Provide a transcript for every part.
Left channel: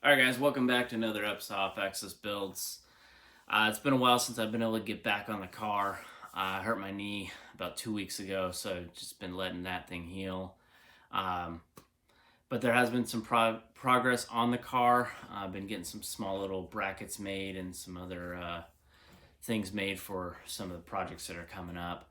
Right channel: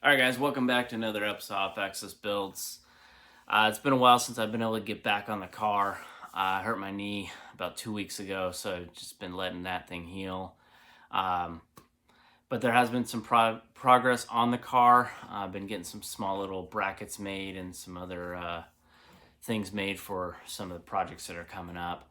Alright guys, welcome back to another episode of Access Builds. It's been a while since I've been able to get back on the car. I hurt my knee about 2 weeks ago, so just been letting that thing heal. But there has been some progress on the car. I've been getting some small little brackets made and some other things made for some of the projects that are coming up.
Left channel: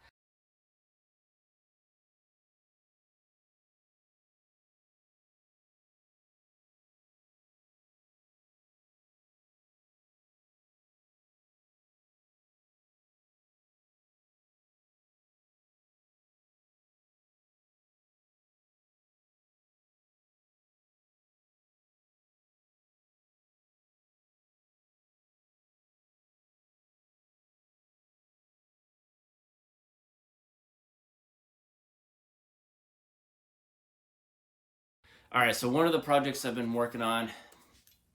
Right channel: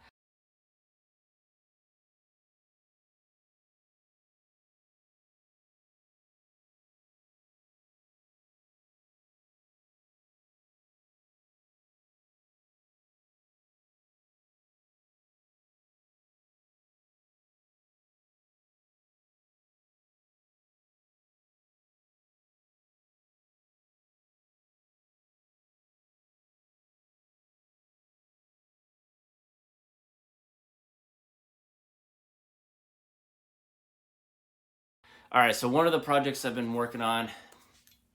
Alright, so one of the projects I've been working on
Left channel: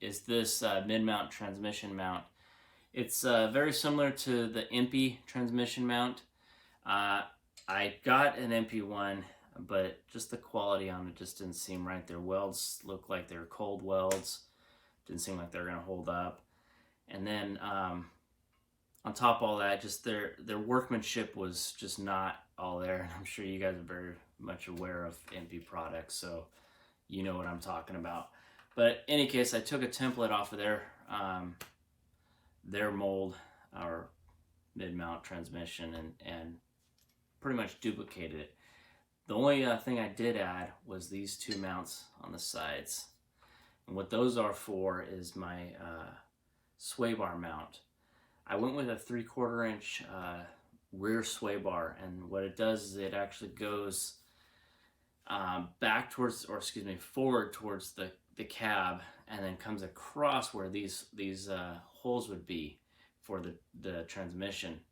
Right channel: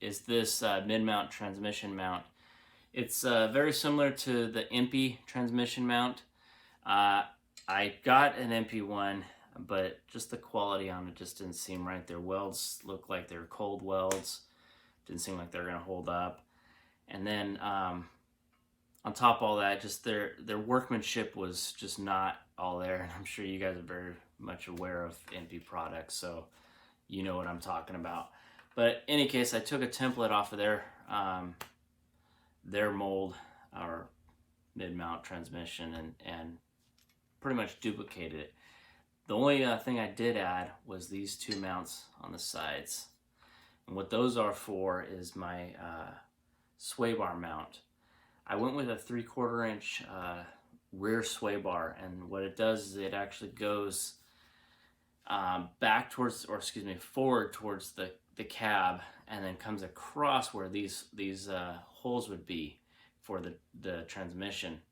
is this mid-mount transmission mount. It's very similar to the MP transmission mount. I got an MP one, but just the quality on it just didn't seem right. Their welds looked like they were cold welds. Didn't seem like they were going to hold up. And then on top of all that, just their workmanship was just not all there. And I'm sure you guys are very much aware of MP products, so you know what I'm talking about. But in any case, I took a template off of their mold or mid-mount transmission and pretty much duplicated it. The only thing I did add was these two mounts on the sides. And what those are for is my sway bar mount. I went with a 3/4 inch rear sway bar, and what it does is it actually goes back towards, or excuse me, forward towards the cab, and then comes across where these holes would be for the transmission.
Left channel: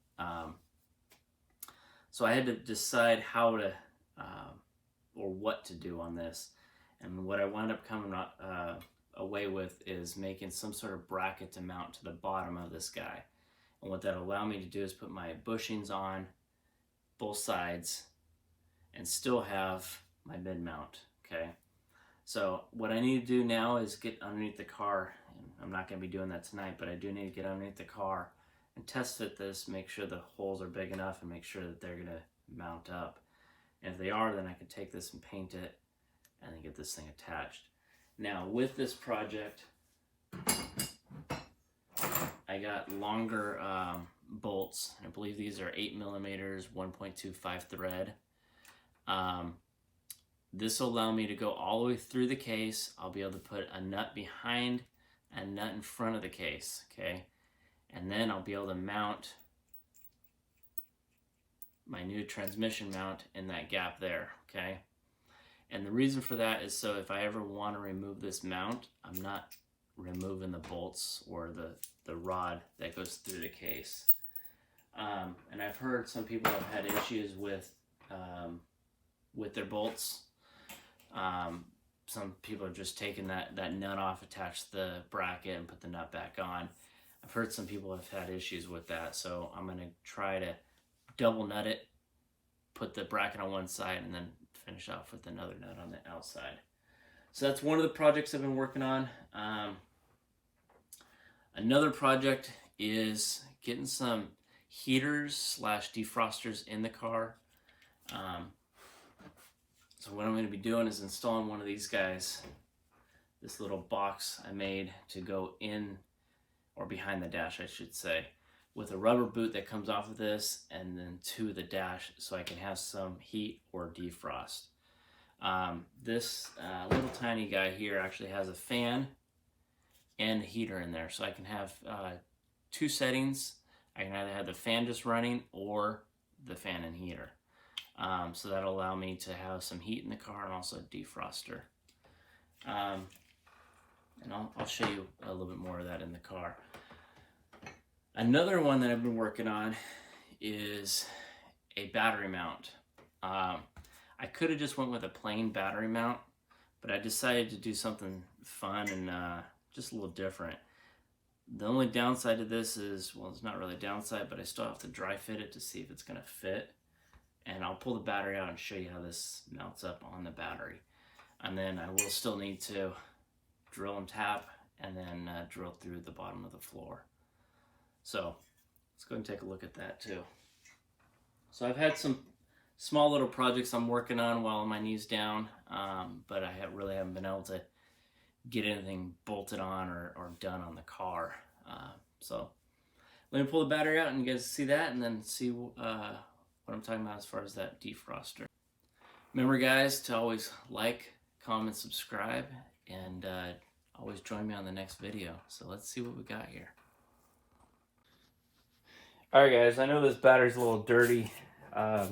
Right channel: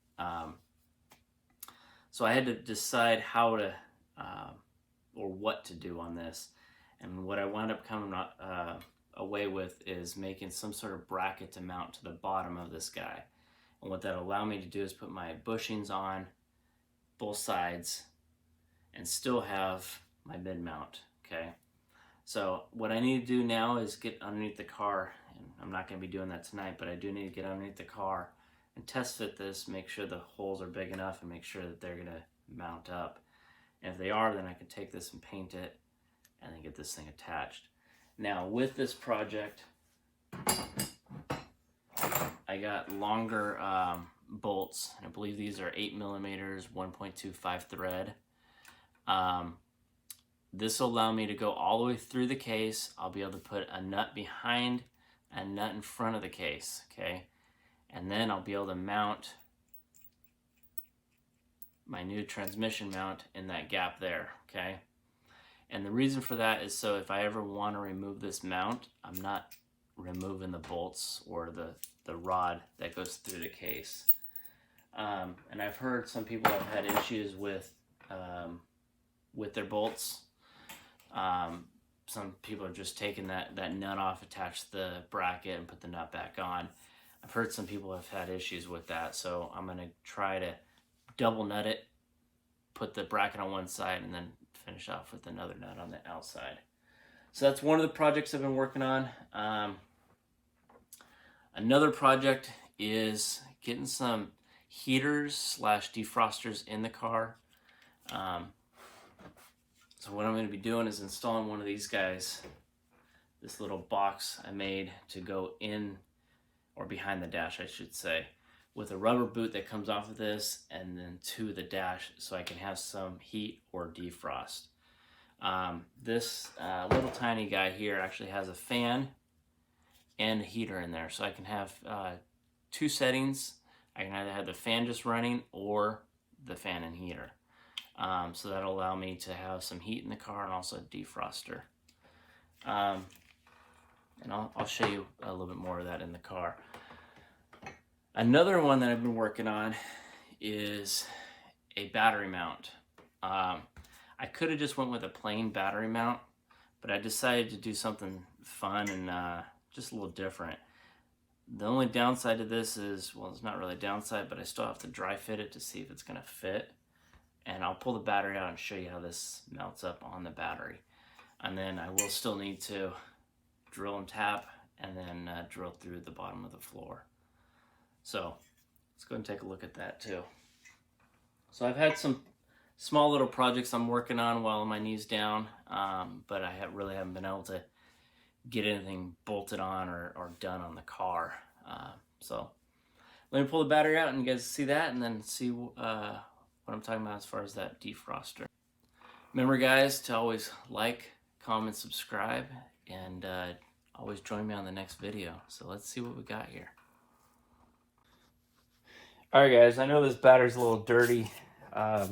So I had to decide how to or what to do on this, and what I wound up coming away with is making some sort of bracket to mount to the bottom of this guy. And what that allowed me to do is put my bushings on both sides and still have my mid mount. Okay, so what I need to do now is get underneath the car, and I'm not going to be doing that tonight, but I do need to get underneath the car and test fit this, make sure the holes are big enough, and make sure that they're going to mount up. And if they are, then I can take this and paint it and then get this thing attached. Now with this project, I got longer bolts. I believe these are 8mm 1.25 thread. This will allow me to go all the way through the case. I'll be able to put a nut behind and a nut in front of the case, okay? And then I'll be able to mount my new transmission mount in that gap there, okay? And the reason for that is so if I ever want to remove this mount, I'm not removing the bolts or the rod that goes through the case. And I've heard some people have had issues with their bolts. Some people are just taking that nut off, attach the bracket, and put the nut back on. I've heard some people have had issues with that, so I'm going to try to double nut it, put the bracket on one side, and then finish off with another nut on the outside. So that's one of the projects I've been working on. Another project is getting some heaters / defrosters in the car. So what I'm going to be doing is installing one of these guys, this little box I made to go in, or behind the dash I should say, with a rubber boot that comes off of this and then to the dash, so I can have some heat or defrost. This little tiny guy here actually has a fan and a heater in there, so I can have two settings. I can either have the fan just running or the fan and heater. So that'll allow me to have some heat in the car and also a defroster. And I'll show you a little bit more of that in the car. Another one that I've been working on is a battery mount. I could have just went with a plain battery mount, but I decided to do something fun and just a little different. The only downside to this is, well, it's not really a downside, but I still have to dry fit it to see if it's going to fit. And I'll pull the battery out and show you how this mounts up on the battery. And then I will still need to drill and tap and then drill through the bottom of the floor. So let's go and take a look at that too. So I've had some small little projects I'm working on while my knee's down, but I really haven't been able to get anything bolted on or done on the car. So let me pull the battery out and you guys see that, and then see what I'm talking about as far as that defroster. Remember guys to always like, comment, subscribe, and always join me on the next video. So let's see what we got here. Alright guys, I know this battery's a little dirty. I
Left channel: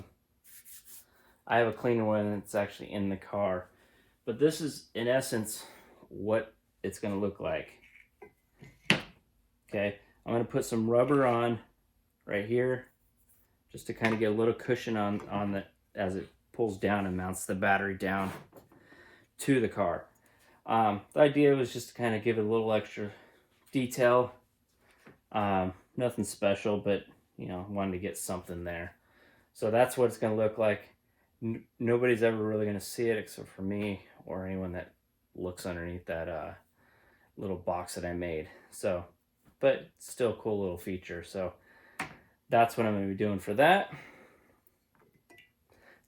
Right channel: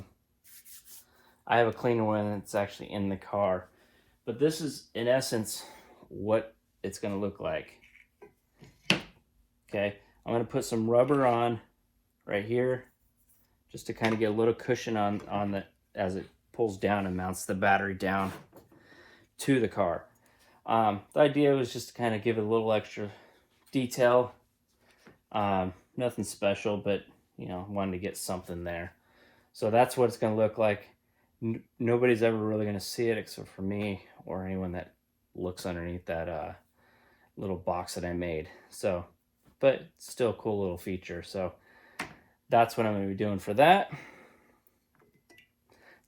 have a cleaner one that's actually in the car. But this is, in essence, what it's going to look like. Okay, I'm going to put some rubber on right here, just to kind of get a little cushion on the, as it pulls down and mounts the battery down to the car. The idea was just to kind of give it a little extra detail. Nothing special, but you know, wanted to get something there. So that's what it's going to look like. Nobody's ever really going to see it except for me or anyone that looks underneath that little box that I made. So, but still a cool little feature. So that's what I'm going to be doing for that.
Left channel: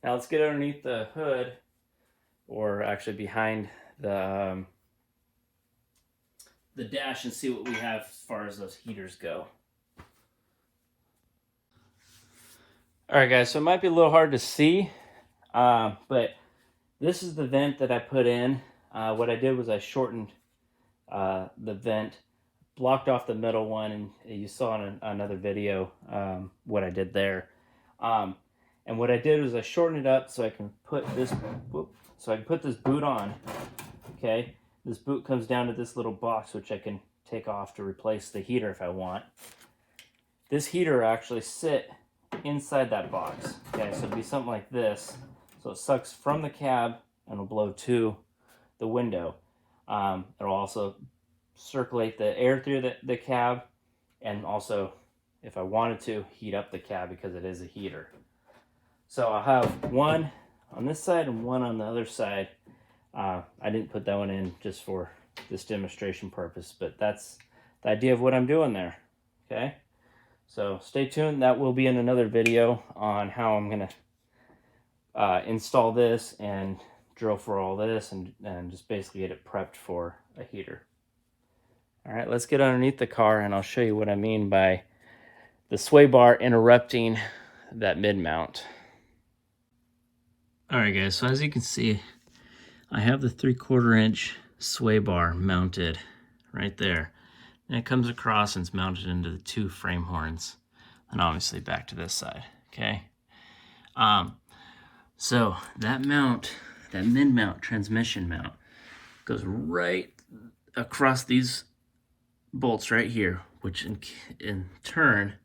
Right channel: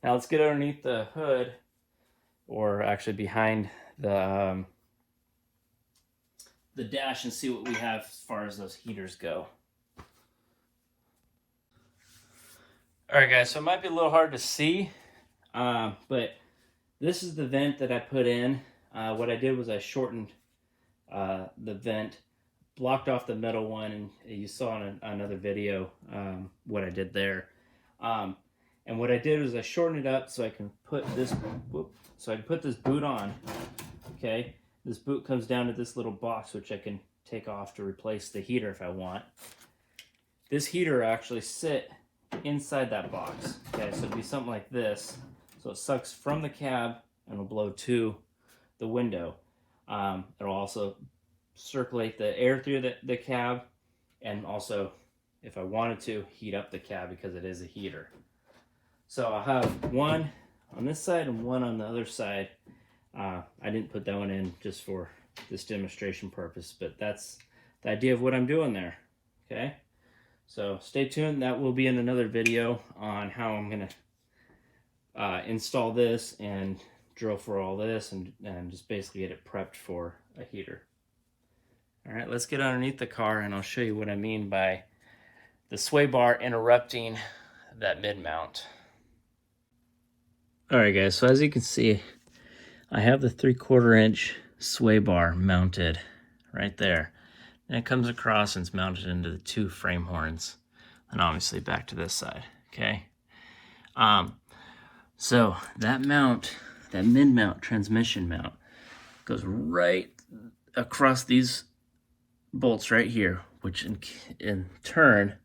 Now let's get underneath the hood, or actually behind the dash, and see what we have as far as those heaters go. Alright guys, so it might be a little hard to see, but this is the vent that I put in. What I did was I shortened the vent, blocked off the middle one, and you saw in another video what I did there. And what I did was I shortened it up so I can put this, boot on. Okay, this boot comes down to this little box, which I can take off to replace the heater if I want. This heater actually sit inside that box. Okay, so it'll be something like this. So it sucks from the cab and will blow to the window. It'll also circulate the air through the cab, and also, if I wanted to, heat up the cab because it is a heater. So I'll have one on this side and one on the other side. I didn't put that one in just for this demonstration purpose, but that's the idea of what I'm doing there. Okay, so stay tuned. That will be in another video on how I'm going to install this and drill for all this, and just basically get it prepped for a heater. All right, let's get underneath the car and I'll show you what I mean by the sway bar interrupting that mid-mount. All right guys, so as you can see, I have the 3/4 inch sway bar mounted right there. And it comes across and it's mounted into the 2 frame horns, and obviously back to this side, okay? So that mount, that mid-mount transmission mount, goes right across these bolts right here, which in turn,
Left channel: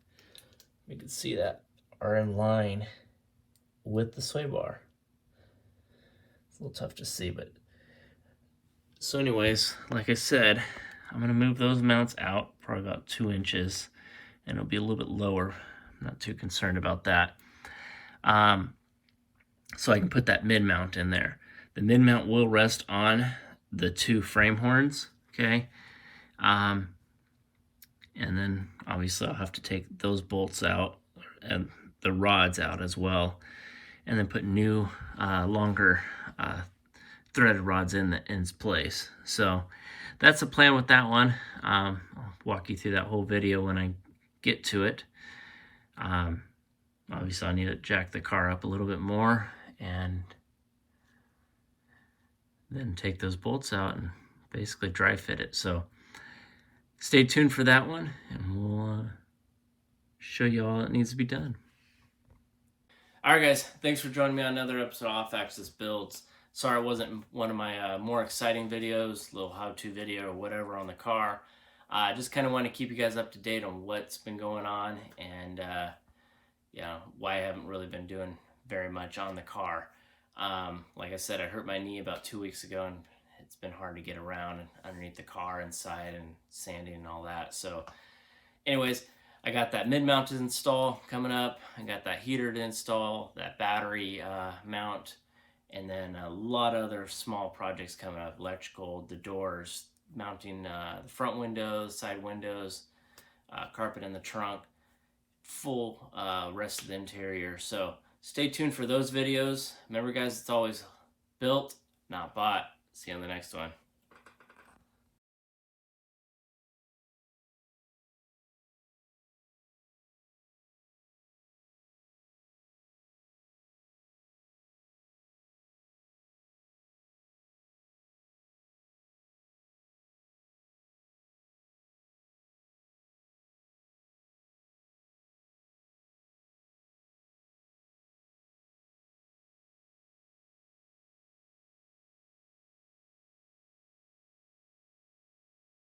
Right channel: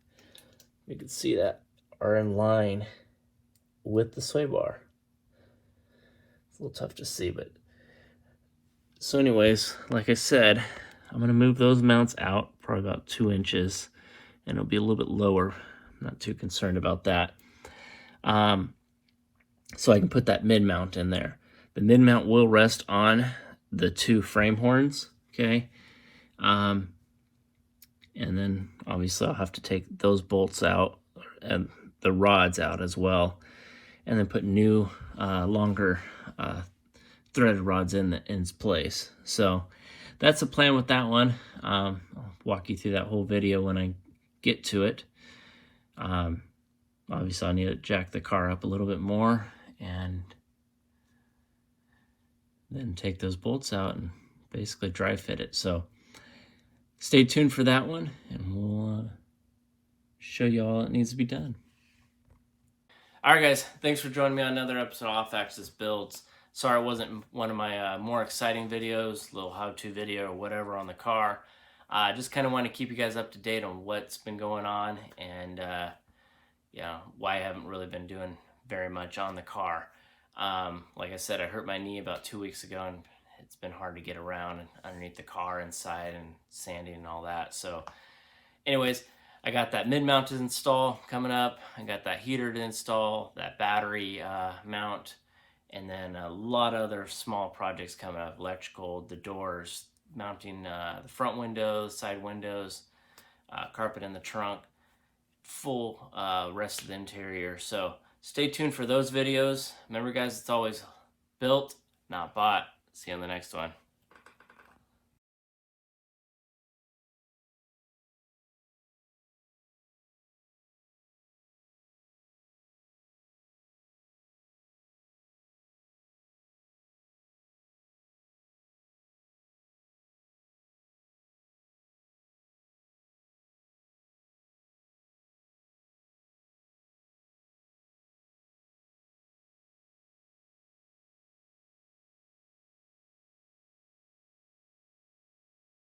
you can see that, are in line with the sway bar. It's a little tough to see, but so anyways, like I said, I'm going to move those mounts out probably about 2 inches, and it'll be a little bit lower. I'm not too concerned about that. So I can put that mid mount in there. The mid mount will rest on the 2 frame horns, okay? And then obviously I'll have to take those bolts out and the rods out as well, and then put new longer threaded rods in its place. So that's the plan with that one. I'll walk you through that whole video when I get to it. Obviously I need to jack the car up a little bit more and then take those bolts out and basically dry fit it. So stay tuned for that one, and we'll show you all it needs to be done. Alright guys, thanks for joining me on another episode of Off Axis Builds. Sorry it wasn't one of my more exciting videos, little how-to video or whatever on the car. Just kind of want to keep you guys up to date on what's been going on, and yeah, why I haven't really been doing very much on the car. Like I said, I hurt my knee about 2 weeks ago, and it's been hard to get around underneath the car, inside, and sanding and all that. So anyways, I got that mid-mounted install coming up. I got that heater to install, that battery mount, and then a lot of other small projects coming up. Electrical, the doors, mounting the front windows, side windows, carpet in the trunk, full rest of the interior. So stay tuned for those videos. Remember guys, it's always built, not bought. See you on the next one.